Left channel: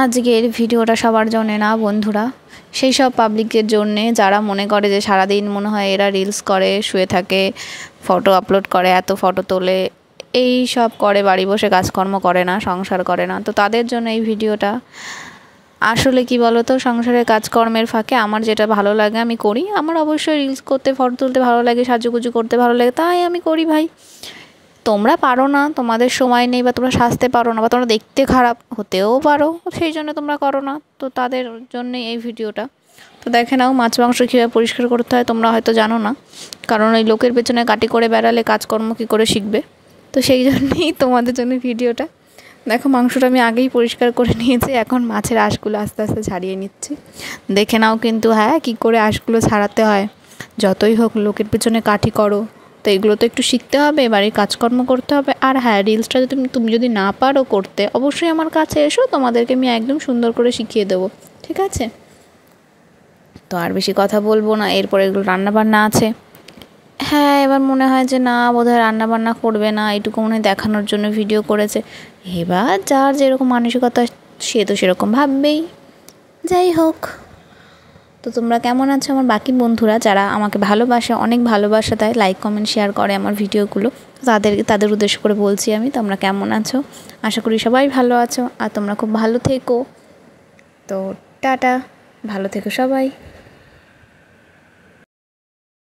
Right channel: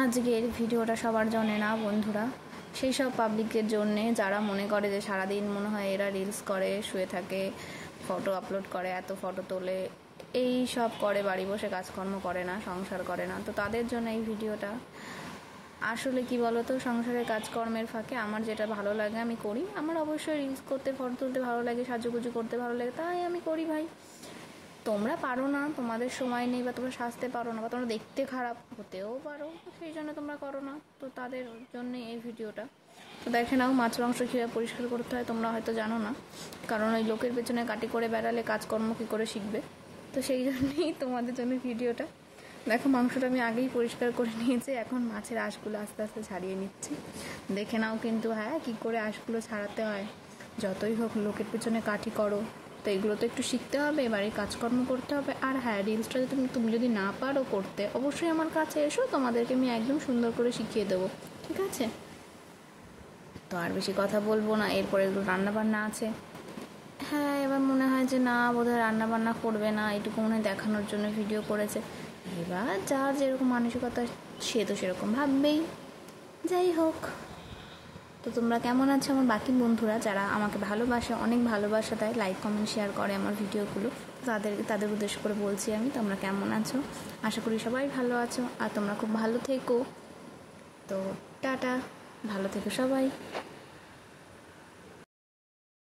আজকের ভিডিওটা সবার জন্যে না বন্ধুরা, সেই সব পাবলিকের জন্যে যারা মনে করে যে সারাদিন মনে হয় এরা রিলস করে, শুয়ে থাকে, ফটো আপলোড করে, এত ফটো তোলে, এই সব করে, বাড়ি বসে কাজকর্ম করে না, সংসার করে না। তো তাদের জন্য এই ভিডিওটা। আসলে কি বলো তো, সংসারের কাজকর্মের ফাঁকে আমার যেটা ভালো লাগে আমি করি। আমার অবশ্যই রিলস করতে, ফটো তুলতে ভালো লাগে, সাজুগুজু করতে ভালো লাগে, তাই আমি করি ভাই। তোমরা পারো না, তোমাদের সময় নেই, বা তোমরা সাজতে পারো না, বা তোমরা দেখতে খারাপ হতেও পারো, সেই জন্য তোমরা করো না। তো তাদের জন্যই এই ভিডিওটা। তো দেখে নাও, মাছ মাংস কীভাবে পরিষ্কার করতে হয় তোমরা হয়তো জানো না, কারণ ওই লোকের পেছনে কাটি করে বেড়ালে কাজকর্ম কী করে শিখবে। তো সেই জন্যই তোমাদের জন্য ভিডিওটা। দেখো, মাংসটা আমি আগেই পরিষ্কার করে নিয়েছি, এখন মাছের আঁশগুলো আস্তে আস্তে ছাড়িয়ে নিচ্ছি। দেখে নাও কিন্তু, হ্যাঁ, কী করে আঁশগুলো ছাড়াতে হয়। যতই হোক, লোকের পেছনে কাঠি করো, তো এগুলো তো একটু শিখতে হবে, বাড়ির কাজকর্ম করতে হবে। আর হ্যাঁ, রিলসটা যদি তুমি যদি না পারো করতে, অবশ্যই আমার কাছে এসো, তোমাদেরকে আমি একদম সুন্দর করে শিখিয়ে দেবো, ঠিক আছে? তো আর বেশি কথা বলবো না, এরপরে এগুলো রান্নাবান্না আছে। হ্যাঁ, এবার মনে হয় যে না, বোধহয় রান্নাবান্না করবে না, এটুকু মনে হয় দেখানোর জন্য ভিডিও করেছে। এবার যার যেরকম মানসিকতা, সে তো সেরকম ভাববেই। যাই হোক, তো তোমরা কেমন আছো আমার বাকি বন্ধুরা, যারা আমাকে ভালোবাসে, অনেক ভালোবাসা দেয়, লাইক কমেন্ট শেয়ার করে আমার ভিডিওগুলো, তাদের উদ্দেশ্য করে বলছি আমি, তোমরা কেমন আছো? আশা করি সবাই ভালো আছো, আর তোমরা খুব ভালো থেকো। তো টাটা, ভালো থেকো সবাই।